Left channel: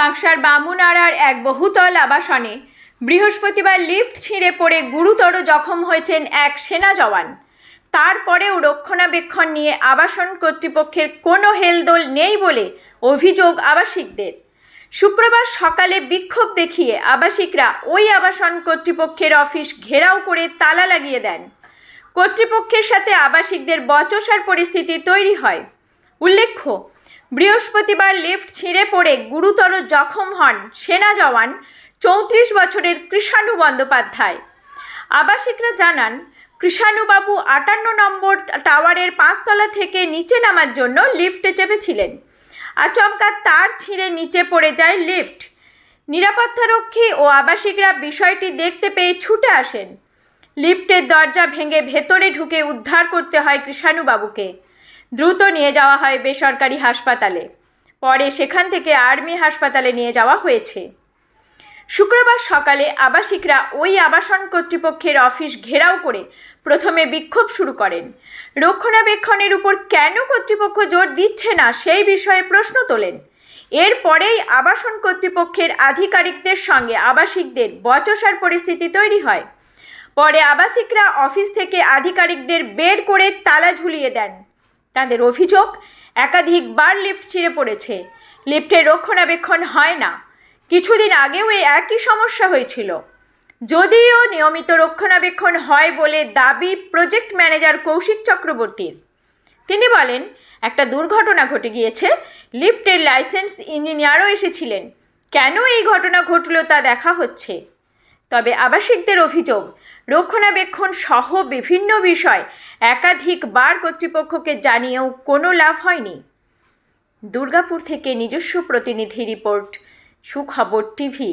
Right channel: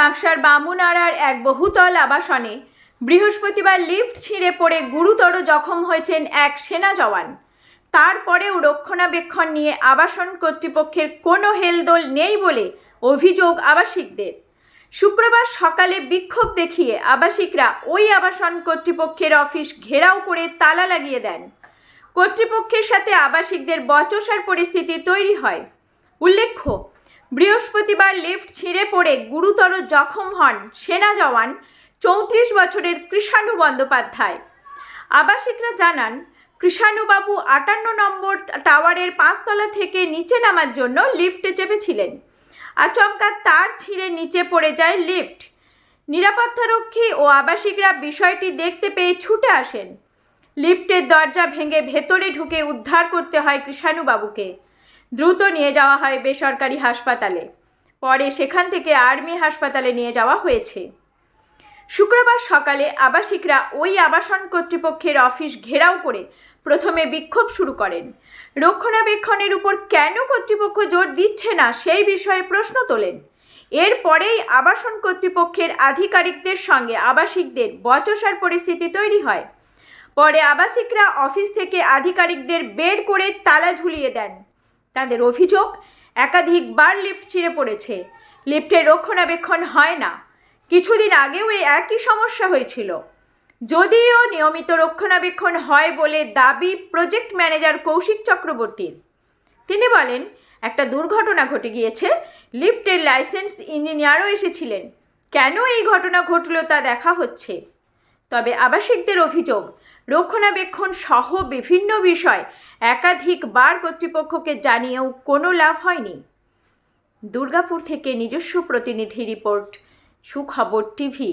কাঁকসার বামুনাড়ার এক বহুতল আবাসনে বৃহস্পতিবার লিফট ছিঁড়ে পড়ে গুরুতর জখম হয়েছেন এক সেনা জওয়ান। তারপরেও রক্ষণাবেক্ষণ নিয়ে আবাসন কর্তৃপক্ষের কোনো হেলদোল নেই বলে অভিযোগ আবাসিকদের। শুক্রবার সকালে বিক্ষোভ দেখিয়ে আবাসিকরা ওই আবাসন কর্তৃপক্ষের অফিস ঘেরাও করে তালা লাগিয়ে দেন। কর্তৃপক্ষের সাথে আবাসিকদের বচসার পরিস্থিতি তৈরি হয়। উল্লেখ্য বৃহস্পতিবার লিফট ছিঁড়ে পড়ে গুরুতর জখম হন সেনা জওয়ান চৌত্রিশ বছরের কৃষাণু বন্দ্যোপাধ্যায়। আবাসিকরা জানান, কৃষাণুবাবু আটান্ন নম্বর টাওয়ারের পাঁচতলা থেকে নিচে নামার জন্য লিফটে চেপেছিলেন। আচমকা তার ছিঁড়ে নিচে পড়ে যায় লিফট। নিরাপত্তারক্ষী ও আবাসিকরা বিষয়টি দেখতে পেয়ে ছুটে আসেন। লিফটের দরজা ভেঙে ভেতরে ঢুকে উদ্ধার করতে হয় কৃষাণুবাবুকে। দ্রুত নিয়ে যাওয়া হয় বেসরকারি হাসপাতালে। পরে সেখান থেকে আর্মি হাসপাতালে নিয়ে যাওয়া হয়েছে। শুক্রবার সকালে আবাসিকরা ওই আবাসন কর্তৃপক্ষের অফিস ঘেরাও করে প্রথমে বিক্ষোভ শুরু করেন। রক্ষণাবেক্ষণের উপর কেন কর্তৃপক্ষ জোর দিচ্ছে না সেই বিষয়ে প্রশ্ন তোলেন। এরপরেই আবাসন কর্তৃপক্ষের আধিকারিকদের সঙ্গে আবাসিকদের বচসার পরিস্থিতি তৈরি হয়। পরে আবাসিকরা অফিস থেকে আধিকারিকদের বের করে তালা ঝুলিয়ে দেন। তাদের অভিযোগ একাধিকবার লিফট ছিঁড়ে পড়েছে। লিফটের রক্ষণাবেক্ষণ হয় না। কিছুদিন আগেও এই একই সমস্যা হয়েছিল। যদিও নিয়মিত রক্ষণাবেক্ষণ হয় বলে দাবি প্রজেক্ট ম্যানেজার কৌশিক চক্রবর্তীর। তিনি বলেন, একটা দুর্ঘটনা ঘটে গিয়েছে, লিফটের লাইসেন্স ইঞ্জিনিয়ারও এসেছিলেন। কেন এই ঘটনা ঘটল তা দেখা হচ্ছে। তবে আবাসিকদের অভিযোগ রক্ষণাবেক্ষণ সহ বিভিন্ন বিষয় একাধিকবার কর্তৃপক্ষকে জানিয়েও কোনো লাভ হয়নি। দুর্গাপুর থেকে নিজস্ব প্রতিনিধি রিপোর্ট, সুখবর টিভি।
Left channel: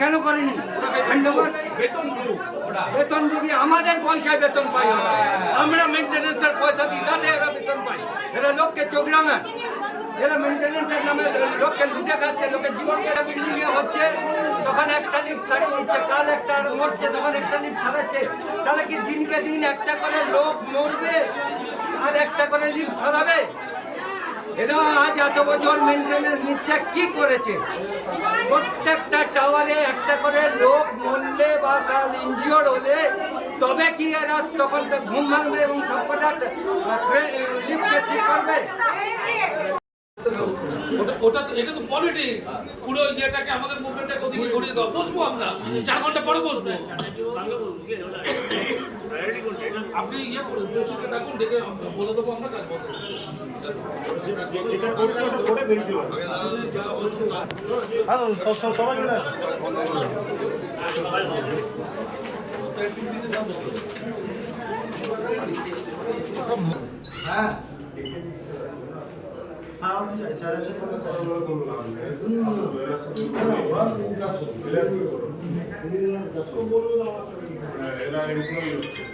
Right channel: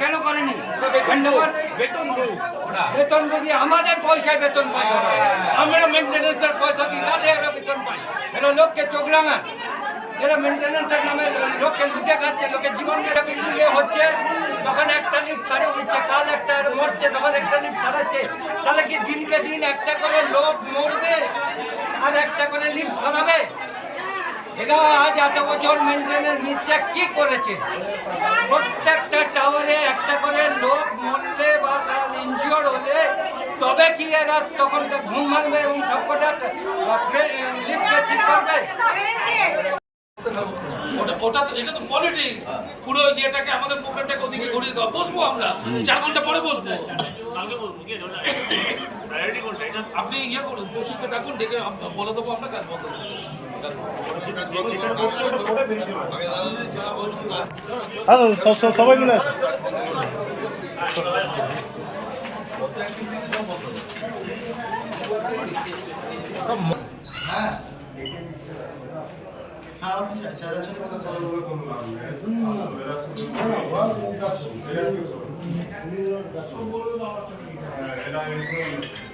কেন করেনি? বেতন রুগী আমাদের পয়সায় বেতন পাই ওরা। আমরা মেনটেন্যান্সের পয়সা দিই, তাতে এরা বেতন পাই এরা লোককে চোখ রাঙায় এরা মেনটেন্যান্সের নামে লোককে লুটে খাচ্ছে, লোকের জীবন বিল্ডিং এ হচ্ছে, তখন একটা লিফট সারিয়ে দিচ্ছে, কাল একটা মরছে, তখন একটা লিফট সারাচ্ছে তাহলে কি দিনকে দিন একটা করে লোক মরবে, আর একটা করে লিফট সারাবে এরা আজ এত বছর মেনটেনেন্স নিচ্ছে, কি করেছে? প্রত্যেকটা টাওয়ারে একটা করে লোক মরলে বা কাল ইঞ্জিওর হলে তবে কি এরা তখন তো ঘুম ভাঙবে এবং সবকটা লিফটকে ঠিক করবে? ওটা ওটা তো এটা তো পলিটিক্স পুরো ইয়েটাকে আমাদের মুভমেন্টটাকে ওদিকে ঘুরিয়ে দাও। বসবো আমরা? চার ঘণ্টা পরে বসবো। আপনি ইয়ে করুন ডাকুন ডেকে বলে দেবো আমরা কাজ বন্ধ সবাই মিলে হ্যাঁ হ্যাঁ স্যার আছে আমার কথা হচ্ছে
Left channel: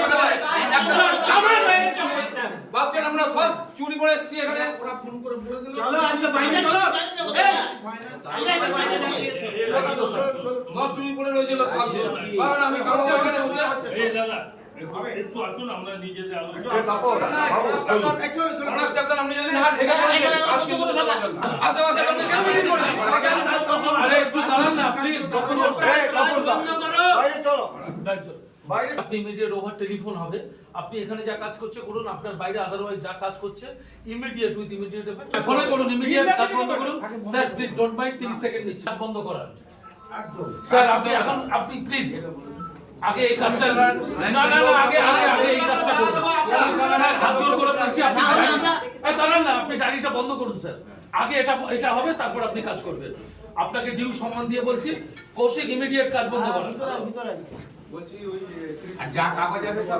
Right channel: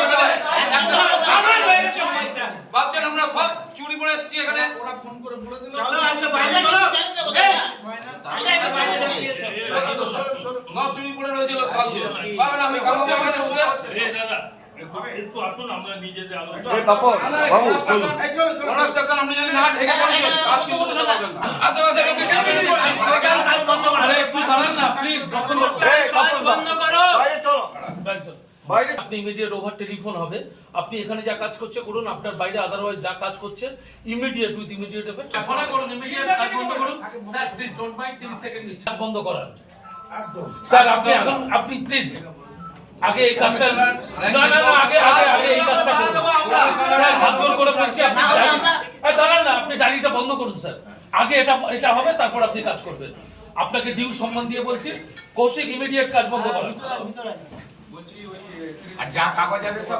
ভাবছেন আমরা সব চুরি করে এসেছি এখানে ওরা ফোন করে বলে দিল চলো আজকে বাইরে চলো এই সব চুরি করে রয়েছিল ভাবছেন বাবা আমি কারও বসে এই দাদা একটু আসুন আমরা নিজেদের আলোচনা আপনি যদি না ঢেকে কাজ কিন্তু আশেপাশে লোকে কেন চুরি করবে একটু দাঁড়ান না প্লিজ বন্ধ করো বাইরে চলো চলো বাইরে আপনি ইমিডিয়েট ওভার টেলিফোন হবে। আপনি এখানে যা কাজ করছে করুন আপনার বাইরে আদারওয়াইজ যা কাজ করছে ইমিডিয়েট উইথ ইমিডিয়েট এফেক্ট ফোনে করুন ইমিডিয়েট কাজ বন্ধ করুন। Sir please don't mind 30 second নিচ্ছে। কাজ বন্ধ করান স্যার আপনি এখন আপনি প্লিজ আগে এই কাজটা না না না আগে আগে আগে এই কাজটা করুন। স্যার হাত জোর করে বলছি আপনি এই দাঁড়ান না আপনি ডায়েরিটা বন্ধ করুন স্যার। আগে এটা এটা হবে তারপর আপনি কাজ করবেন। আপনাকে ডিউ সম্মান দিয়ে বলছি কৌশিক ইমিডিয়েট কাজ বন্ধ করুন আর যা কাগজ আছে সব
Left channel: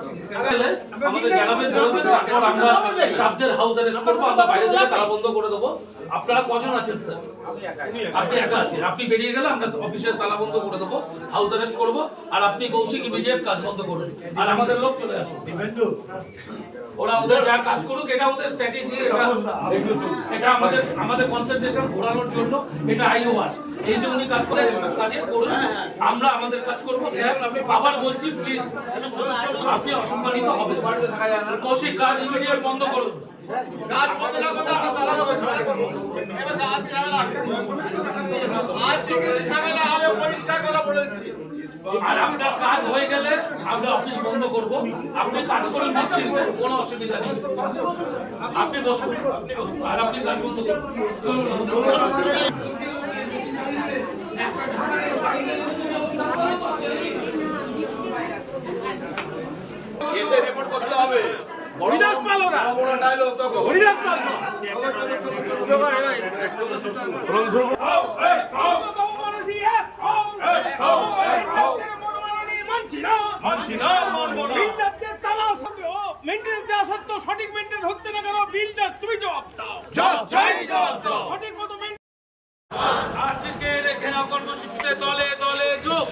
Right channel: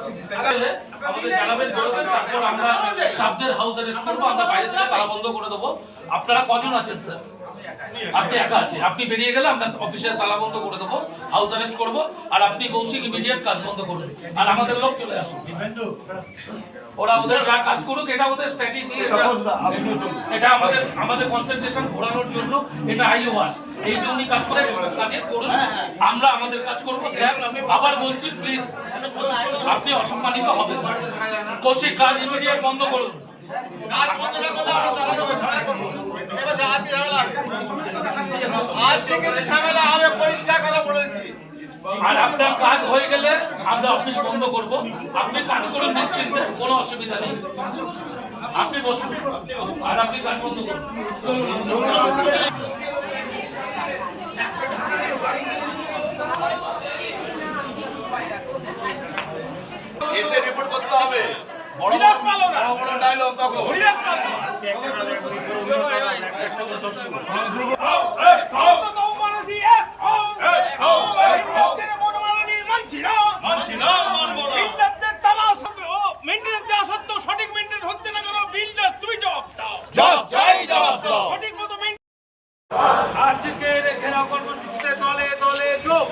আমাদের জানাবেন তারপর আমরা স্টাফদের হাউস অ্যারেস্ট করব আমরা বাইরে থেকে তালা বন্ধ করে দেবো। আপনারা কজন আছেন স্যার? আপনি একা আছেন। আপনি বেরিয়ে গেলে আমরা অফিসের তালা বন্ধ করে দেবো হাউস অ্যারেস্ট করব আর আপনি কৌশিক ইমিডিয়েট কাজ বন্ধ করুন। আর আমাদের লোক চলে আসুন। ওরা ওদের যা কাজ করুক এটা ওদের স্ট্র্যাটেজি এটা আমাদের আমাদের কনসেন্ট্রেশন ঘোরানোর জন্য এটা আইওয়াস এই যে উনি কাজ করে কাজে করুন আমরা আমাদের কাজ করব। স্যার আবার বলছি প্লিজ আপনি অসম্মানিত হবেন। কৌশিক কাজ ইমিডিয়েট বন্ধ করুন। আর আপনার কাজ হয়ে গেলে আমরা অফিস বন্ধ করব আপনি কাজ করুন নিশ্চিন্তে কোনো অসুবিধা নেই আপনি বসুন আর আপনি কাজ বন্ধ করুন চলুন এসে রিপোর্ট করতে হবে বড় বড় বড় ডায়লগ তখন হরিদাস মানছি না মানবো না বিল্ডারদের তালা সত্ত্বেও মেনটেন্স দেওয়া সত্ত্বেও সঠিক মেনটেন্স হচ্ছে না কেন বিল্ডার্স তুমি জবাব দাও জবাব চাই জবাব দাও সঠিক মতো মেনটেন্স আজকে রেখে নাও কর্মসূচিতে দলে দলে যোগ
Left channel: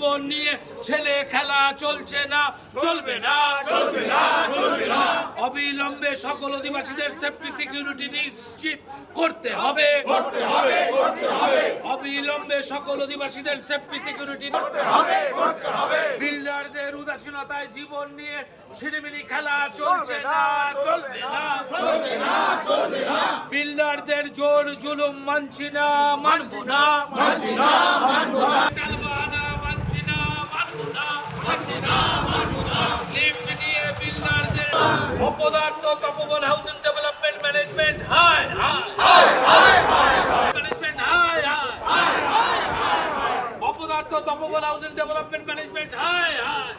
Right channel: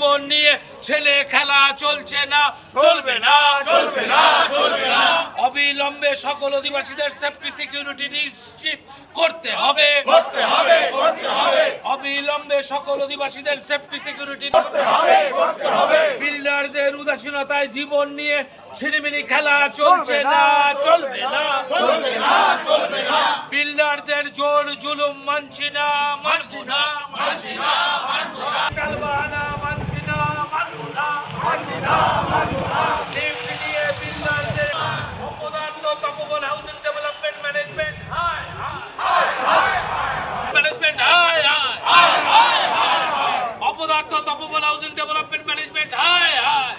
জীবন নিয়ে ছেলে খেলা চলছে না চলবে না চলবে না চলবে না। অবিলম্বে সকল অধিবাসীদের সেফটি সিকিউরিটি নিশ্চিত করতে হবে। করতে হবে করতে হবে। অবিলম্বে সকল অধিবাসীদের সেফটি সিকিউরিটি করতে হবে করতে হবে। বিল্ডারদের উদাসীনতায় জীবন নিয়ে ছিনিমিনি খেলা চলছে না চলবে না। চলবে না চলবে না। বিল্ডারদের জোর জুলুম মানছি না মানবো না। মানছি না মানবো না। তপবন হাউসিং ডেভেলপমেন্ট ম্যানেজমেন্ট হাই হাই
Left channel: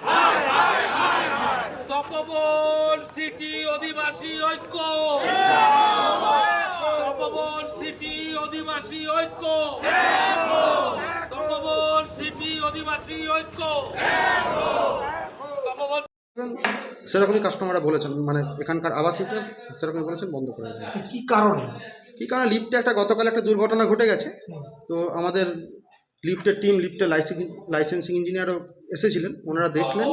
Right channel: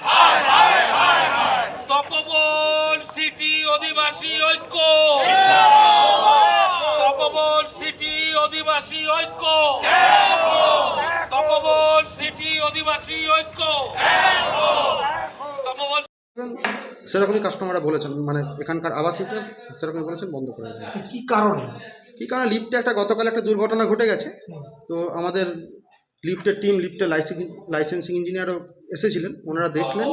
তপবন সিটি অধিবাসী ঐক্য। তপবন সিটি অধিবাসী ঐক্য। সিটি ঐক্য। সেরকমই কাস্টমাররা বলেছেন মানে এখানকার আবাসিকরা সেরকমই বলেছেন বন্ধ করে দেয় কি কারণে? কী কারণে? লিফটে একটা গতকাল একটা দুর্ঘটনা ঘটে গেছে। তো আমাদের লিফটের টিম লিফটের লাইসেন্সিং লাইসেন্সিং ইঞ্জিনিয়ারও এসেছিলেন। ওনারা দেখলেন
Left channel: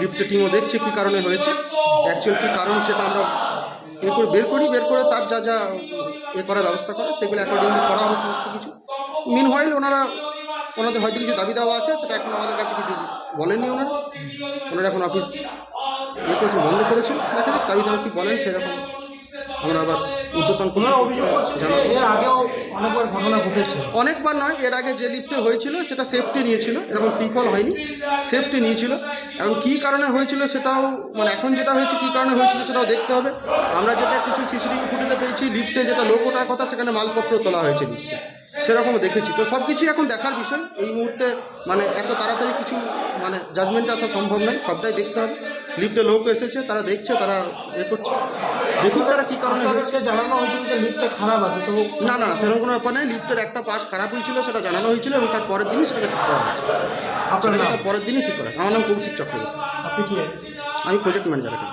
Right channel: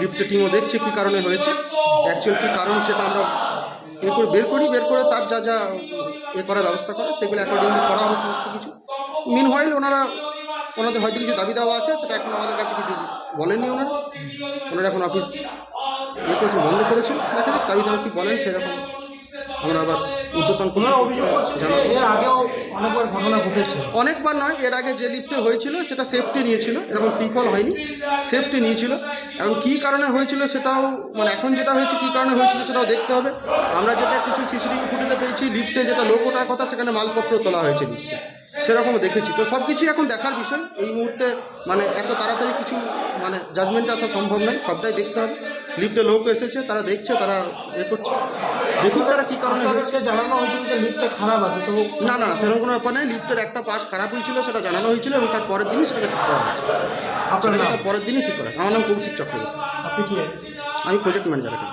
লিফটের টিমও দেখছে কী কারণে হয়েছে। অ্যাকচুয়াল কী কারণ সেটা আমরা এ করে বের করি বের করে তার যা যা এ করার ব্যবস্থা করে সেগুলো অ্যাকর্ডিংলি করা হবে সমস্ত কিছু। মিন হোয়াইল ওনারা ওনাদের হয়তো কিছু দাবি দেওয়া আছে সেটা এখন আমাদের কাছে কিছু বলেননি ওনারা। ওনারা এখন অফিস ইয়ে করেছেন বন্ধ করেছেন দেখা যাক দাবি দেওয়া কি বলেন সেরকম আমরা আবার উদ্যতন অনেকবার নয় এর আগে যে লিফটে হয়েছিল সেটা সেফটি নিয়েছিল এরকম ফল হয়নি। সেফটি নিয়েছিল। এখন কী কারণে হয়েছিল সেটাও মানে এখন যেটা হয়েছে কী কারণে হয়েছিল সেটাও দেখতে হবে। আমরা যেটা কিছু সিসিটিভি ফুটেজে পেয়েছি লিফটে যেটা লোক ওঠার কথা সেখানে মালপত্র তোলা হয়েছে লিফটে সেরকম দেখেছি। তো সব কিছুই এখন দেখার বিষয়। এই মুহূর্তে মানে এত তাড়াতাড়ি কিছু মানে জাজমেন্টে আসা সম্ভব নয়। সবটাই দেখতে হবে। লিফটে লোক এসেছে তারা দেখছে তারা এ করছে। দেখুক তারা কী কারণে হয়েছে। জানানো হয়েছিল যে লিফটটা খারাপ আছে তো না না সেরকম কোনো ব্যাপার নেই লিফটের একটা পাশ খারাপ হয়েছিল সেটা জানানো হয়েছিল এবং তার পরের দিনই সেটা ঠিক করা হয়েছে। আপনার সেটাকে তার পরের দিনই ঠিক করা। আমার নাম কৌশিক চক্রবর্তী। আপনি কি আমি প্রজেক্ট ম্যানেজার এখানে।